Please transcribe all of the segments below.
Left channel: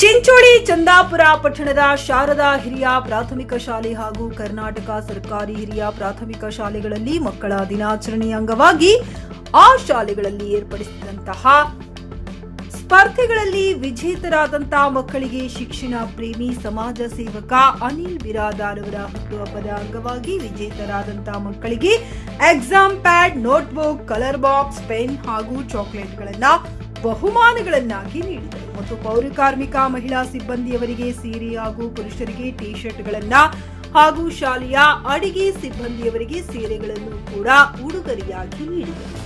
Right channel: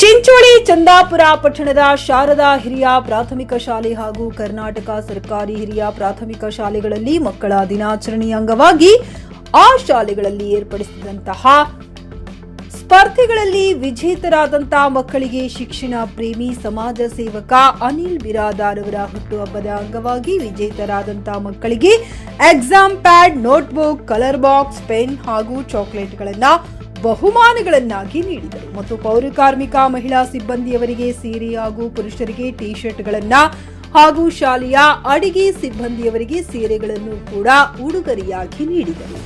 ಚಿಂಚೋಳಿ ಚಂದಾಪುರ ಪಟ್ಟಣದ ಶಾರದಾ ಹಿರಿಯ ಪ್ರಾಥಮಿಕ ಶಾಲೆ ಹಾಗೂ ಕರ್ನಾಟಕ ಸರ್ಕಾರಿ ಹಿರಿಯ ಪ್ರಾಥಮಿಕ ಶಾಲೆಗಳಲ್ಲಿ ಮಕ್ಕಳ ದಿನಾಚರಣೆಯ ಅಂಗವಾಗಿ ಆ ಶಾಲೆಗಳಲ್ಲಿ ಏರ್ಪಡಿಸಿದಂತಹ ಸ್ಪರ್ಧೆಗಳಲ್ಲಿ ವಿಜೇತರಾದಂತಹ ಮಕ್ಕಳಿಗೆ ಶಿಕ್ಷಣ ಪ್ರೇಮಿ ಸಮಾಜ ಸೇವಕ ಅನಿಲ್ ಬಿರಾದಾರ್ ಅವರ ಹುಟ್ಟುಹಬ್ಬದ ಅಂಗವಾಗಿ ವಿಜೇತರಾದಂತಹ ಮಕ್ಕಳಿಗೆ exam pad, notebook, colour box, pen ಹಾಗೂ ಚಾಕೊಲೇಟ್ಗಳನ್ನು ಬಹುಮಾನಗಳನ್ನಾಗಿ ನೀಡಿದರು ಮತ್ತು ಪೌರಕಾರ್ಮಿಕ ಮಹಿಳಾ ಸಿಬ್ಬಂದಿಯವರಿಗೆ ಸೀರೆ ಹಾಗೂ ಪುರುಷರಿಗೆ ಟಿ ಶರ್ಟ್ಗಳನ್ನು ಹಾಗೂ ಶಾಲೆಯ ಅಡಿಗೆ ಸಿಬ್ಬಂದಿಯವರಿಗೆ ಸೀರೆಗಳನ್ನು ಕೂಡ ಉಡುಗೊರೆಯಾಗಿ ನೀಡಿದರು.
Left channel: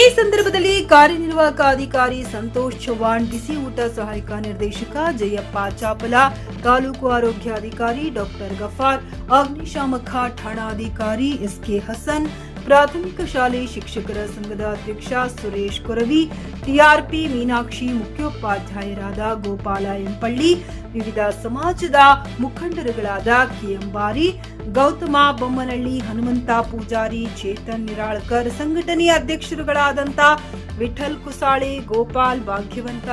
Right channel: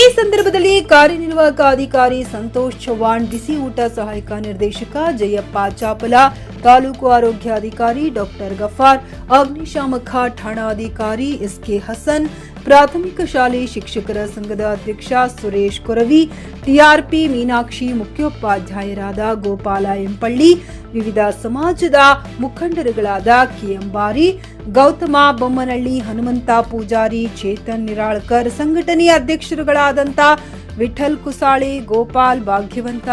ಈ ಸಂದರ್ಭದಲ್ಲಿ ಕಾರ್ಯನಿರ್ವಾಹಕ ಅಧಿಕಾರಿ ಸಂತೋಷ್ ಚವ್ಹಾಣ್, ಬಿಸಿ ಊಟ ಸಹಾಯಕ ನಿರ್ದೇಶಕ ಜಯಪ್ಪ ಚಾಪಲ, ತಾಲೂಕು ಆರೋಗ್ಯಾಧಿಕಾರಿ ಡಾಕ್ಟರ್ ಗಫಾರ್, ಅಗ್ನಿಶಾಮಕ ಠಾಣಾಧಿಕಾರಿ ಎಸ್ಕೆ ಹಸನ್, ಪ್ರಾಥಮಿಕ ಶಾಲೆ ಶಿಕ್ಷಕರ ಸಂಘದ ಅಧ್ಯಕ್ಷ ಸುರೇಶ್ ಕೊರವಿ, ಟಿಆರ್ಪಿ ಮೀನಾಕ್ಷಿ, ಮುಖ್ಯೋಪಾಧ್ಯಾಯರಾದ ಗೋಪಾಲ ಎಂಪಳ್ಳಿ, ವಿವಿಧ ಸಮಾಜದ ಮುಖಂಡರುಗಳಾದ ಕೆಎಂಬಾರಿ, ಗೌತಮ ಬೊಮ್ಮನಹಳ್ಳಿ, ಹನುಮಂತ ಪೂಜಾರಿ, ಚೇತನ್ ನಿರಾಳ್ಕರ್, ಸಂಘಟನೆಯ ಅಧ್ಯಕ್ಷರುಗಳಾದಂಥ ವಿಠಲ್ ಕುಸಾಳೆ, ಗೋಪಾಲ್ ಭಾಗ್ಯವಂತ,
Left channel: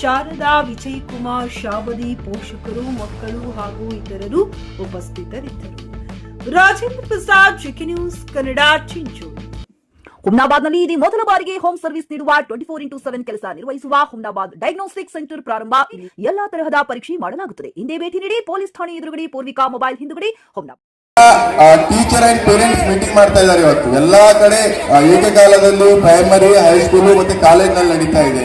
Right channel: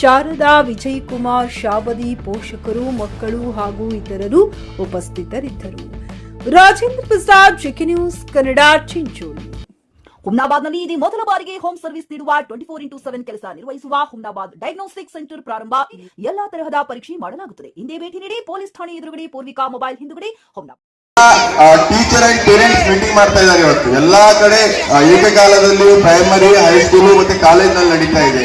ಶಾರದಾ, ವಿಜಯ್ ಕುಮಾರ್, ಶಾಬದಿ, ಪೋಷಕರು, ಮಕ್ಕಳು ಹಾಗೂ ಇತರರು ಉಪಸ್ಥಿತರಿದ್ದರು. ರಾಜೇಂದ್ರ ಪ್ರಸಾದ್, ಚಿಕ್ಕಿ ನ್ಯೂಸ್ ಕನ್ನಡ, ಚಿಂಚೋಳಿ. ಹುಮ್ನಾಬಾದ್ನಲ್ಲಿ ಇದು ಮೊದಲ ಬಾರಿಗೆ ಹೋಮ್ ಸರ್ವಿಸ್ ನೀಡುವ 24x7 ಕೆಲಸ ನಿರ್ವಹಿಸುವ ಹುಮ್ನಾಬಾದ್ ಡಯಾಗ್ನೋಸ್ಟಿಕ್ ಸೆಂಟರ್ ಪ್ರಾರಂಭ. ಎಲ್ಲಾ ತರಹದ ಪರೀಕ್ಷೆ ಮಾಡಲಾಗುತ್ತದೆ. ಹಿಂದೆ ಭೇಟಿ ನೀಡಿ. ಪೊಲೀಸ್ ಠಾಣೆ ಎದುರುಗಡೆ, ಪೂರ್ವಿಕಾ ಮೊಬೈಲ್ ಹಿಂದುಗಡೆ, Humnabad. Teacher and parents meeting ಮಾಡ್ತಾ ಇದ್ದಾರೆ ಇವತ್ತು. ಎಲ್ಲಾ ಕಡೆ ಏಕಕಾಲದಲ್ಲಿ ಪ್ರೈಮರಿ, ಹೈಸ್ಕೂಲು ಮತ್ತೆ ಕಾಲೇಜ್ ನಲ್ಲಿ ನಡೀತಾ ಇದೆ.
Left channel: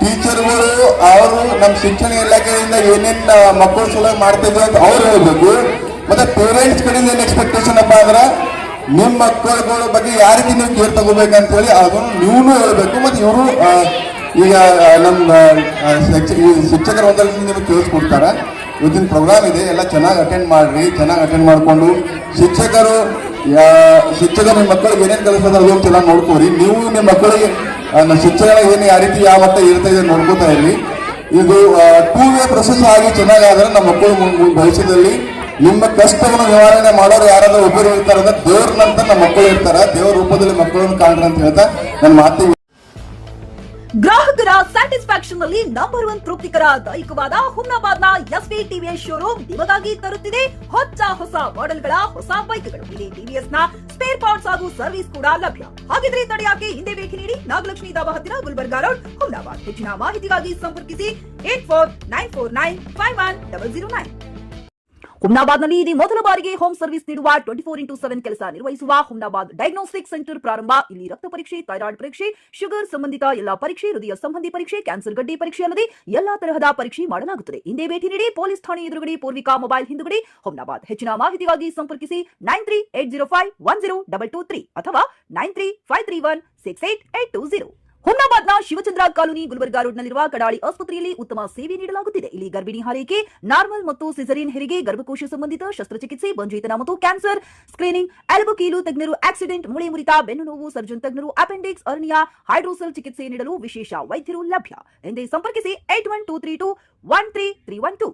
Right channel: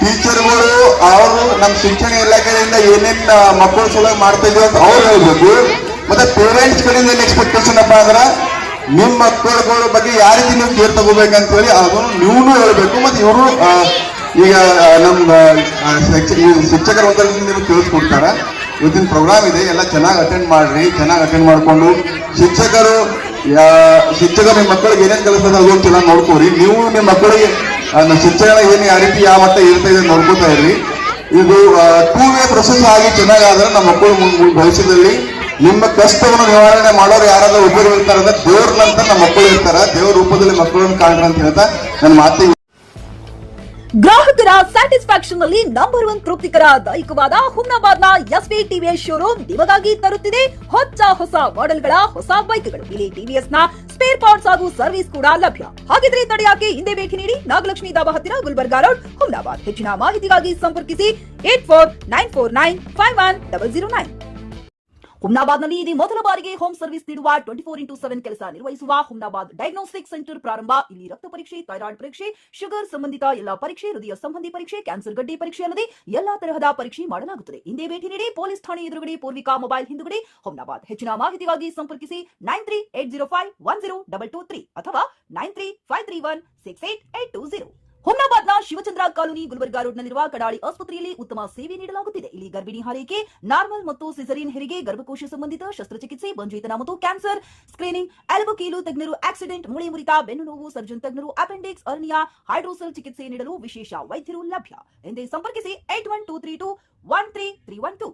ಟೀಚರ್ಗಳು ಅವರು ನಮ್ಮ ಶಿಕ್ಷಣ ಇಲಾಖೆಯಿಂದ ಏನೇನ್ ಮಕ್ಕಳು ಸಲುವಾಗಿ ಮಾಡ್ತಾ ಇದ್ದೀವಿ ಅಂತ ಅವ್ರು ಹೇಳ್ಬೇಕು. ಮತ್ತೆ ಪೇರೆಂಟ್ಸ್ ಕಡೆಯಿಂದ ಏನ್ ಎಕ್ಸ್ಪೆಕ್ಟೇಷನ್ ಅಪ್ಪ ಅಂದ್ರೆ ನಿಮ್ಮ ಮಕ್ಕಳುಗಳ ಬಗ್ಗೆ ಯಾವ ರೀತಿ ನೀವು ಕೇರ್ ತಗೋಬೇಕಂತ ಹೇಳಿ ಅದನ್ನು ನೀವು ಹೇಳ್ಬೇಕು. ಮತ್ತೆ ಇವರು ಈಗ ನಮ್ಮ ಶಿಕ್ಷಕರ ಒಂದರಿಂದ ನೀವು ತಿಳಿಸ್ಕೊಡ್ತಾರೆ. ಇವತ್ತಿನ ಪ್ರೋಗ್ರಾಮ್ ಇದೆ, ಎಲ್ಲ ಚೆನ್ನಾಗಿ ಅಟೆಂಡ್ ಮಾಡ್ರಿ. ಚೆನ್ನಾಗಿ ಅಟೆಂಡ್ ಮಾಡಿಕೊಂಡು ಶಿಕ್ಷಕರು ನಿಮ್ಮ ಮಕ್ಕಳಿಗೆ ಏನೇನು ಕಲಿಸ್ತದೆ ಅದನ್ನು ಚೆನ್ನಾಗಿ ನೋಡ್ಕೋರಿ. ನೀವು ನಿಮ್ಮ ಮಕ್ಕಳಿಗೆ ಶಿಕ್ಷಣ ಏನು ಯಾವ ರೀತಿ ಯಾವ ಮಟ್ಟ ಇರ್ತಾ ಇದೆ ನೋಡ್ಕೋತಾ ಇರ್ರಿ. ಇದು 2 ವೇ ಪ್ರೊಸೆಸ್ ಆಗಿ ಚೆನ್ನಾಗಾದ್ರೆ ನಮ್ಮ ಮಕ್ಕಳು ಭವಿಷ್ಯದಲ್ಲಿ ನಿಮ್ಮ ಕಷ್ಟವನ್ನು ನಿವಾರಣೆ ಮಾಡೋರು ಯಾರಾದ್ರೂ ಒಬ್ಬರು ಇರ್ತಾರೆ ಅಂದ್ರೆ ದೇವ್ರ ನಂತರ ನಮ್ಮ ಮಕ್ಕಳು ಇರ್ತಾರೆ. ದೇವ್ರ ರೂಪದಲ್ಲಿ ಮಕ್ಕಳನ್ನು ಕಾಣ್ರಿ ಅಂತ ಹೇಳ್ತಾ ನನ್ನ ಮಾತು. ಗ್ರಾಹಕರ ಸ್ಯಾಟಿಸ್ಫ್ಯಾಕ್ಷನ್ ನಲ್ಲಿ ನಂಬರ್ 1 ತೃಪ್ತಿಕರ ದೈಹಿಕವಾದ ಹುಮ್ನಾಬಾದ್ನ ಎಸ್ವಿ ಟಿವಿಎಸ್ ಶೋರೂಮ್ ನಿಮಗಾಗಿ ತರುತ್ತಿದೆ ಹೊಸ ಮಾಡೆಲ್ಗಳ ಹೊಸ ಬೈಕ್ಗಳು. ಇಲ್ಲಿ ಟಿವಿಎಸ್ ನ ಸ್ಪೇರ್ ಪಾರ್ಟ್ಸ್ ಹಾಗೂ ಸರ್ವಿಸ್ ಕೂಡ ಲಭ್ಯ. ಹಾಗಿದ್ರೆ ತಡೆಯಾಕೆ ಹಿಂದೆ ಭೇಟಿ ನೀಡಿ. ನಾಗಲಕ್ಷ್ಮಿ ದಾಬಾ ಹತ್ತಿರ, ಗುಲ್ಬರ್ಗಾ ರೋಡ್, ಹುಮ್ನಾಬಾದ್. ಹೆಚ್ಚಿನ ಮಾಹಿತಿಗಾಗಿ ಸಂಪರ್ಕಿಸಿ 8494951009. ಹುಮ್ನಾಬಾದ್ನಲ್ಲಿ ಇದು ಮೊದಲ ಬಾರಿಗೆ ಹೋಮ್ ಸರ್ವಿಸ್ ನೀಡುವ 24x7 ಕೆಲಸ ನಿರ್ವಹಿಸುವ ಹುಮ್ನಾಬಾದ್ ಡಯಾಗ್ನೋಸ್ಟಿಕ್ ಸೆಂಟರ್ ಪ್ರಾರಂಭ. ಇಲ್ಲಿ ರಕ್ತ ಪರೀಕ್ಷೆ, ಥೈರಾಯ್ಡ್ ಪರೀಕ್ಷೆ, ಶುಗರ್ ಸಂಬಂಧಿತ ಎಲ್ಲಾ ಪರೀಕ್ಷೆ, ಹೃದಯ ಸಂಬಂಧಿ ಪರೀಕ್ಷೆ, ಕ್ಯಾನ್ಸರ್ ಗಡ್ಡೆ ಪರೀಕ್ಷೆ ಅಲ್ಲದೆ ಎಲ್ಲಾ ತರಹದ ಪರೀಕ್ಷೆ ಮಾಡಲಾಗುತ್ತದೆ. ಹಿಂದೆ ಭೇಟಿ ನೀಡಿ. ಪೊಲೀಸ್ ಠಾಣೆ ಎದುರುಗಡೆ, ಪೂರ್ವಿಕಾ ಮೊಬೈಲ್ ಹಿಂದುಗಡೆ, ಹುಮ್ನಾಬಾದ್. ಹೆಚ್ಚಿನ ಮಾಹಿತಿಗಾಗಿ ಸಂಪರ್ಕಿಸಿ 9380510223 ಅಥವಾ 9353168820. ಹುಮ್ನಾಬಾದ್ನ ಶಿವಚಂದ್ರ ಕಾಲೋನಿ, ಗುಲ್ಬರ್ಗಾ ರೋಡ್ನಲ್ಲಿರುವ ಕಡಾಳಿ ಆಸ್ಪತ್ರೆಯಲ್ಲಿ ಉತ್ತಮ ಸೇವೆ ನೀಡಲಾಗುತ್ತಿದೆ. ಇಲ್ಲಿ ಗರ್ಭಿಣಿ ಹಾರೈಕೆ, ನಾರ್ಮಲ್ ಮತ್ತು ಸಿಸರಿಯನ್ ಹೆರಿಗೆ, ಗರ್ಭಕೋಶ ಸಂಬಂಧಿತ ಶಸ್ತ್ರಚಿಕಿತ್ಸೆ, ಬಂಜೇತನ ಮತ್ತು ಕ್ಯಾನ್ಸರ್ ಸ್ಕ್ರೀನಿಂಗ್, ಎಲುಬು ಕೀಲು ತಜ್ಞರು, ಆಕ್ಸಿಡೆಂಟ್, ಮೂಳೆ ಮುರಿತ, ಬೆನ್ನು ನೋವು ಸರ್ಜನ್ ತಜ್ಞರು, ಅಪೆಂಡಿಕ್ಸ್, ಅರ್ನಿಯಾ, ಹೈಡ್ರೋಸೆಲ್ ಚಿಕಿತ್ಸೆ ನೀಡಲು ವಿಶೇಷ ವೈದ್ಯರು ಲಭ್ಯ. ಎಂದೇ ಸಂಪರ್ಕಿಸಿ 8123213312.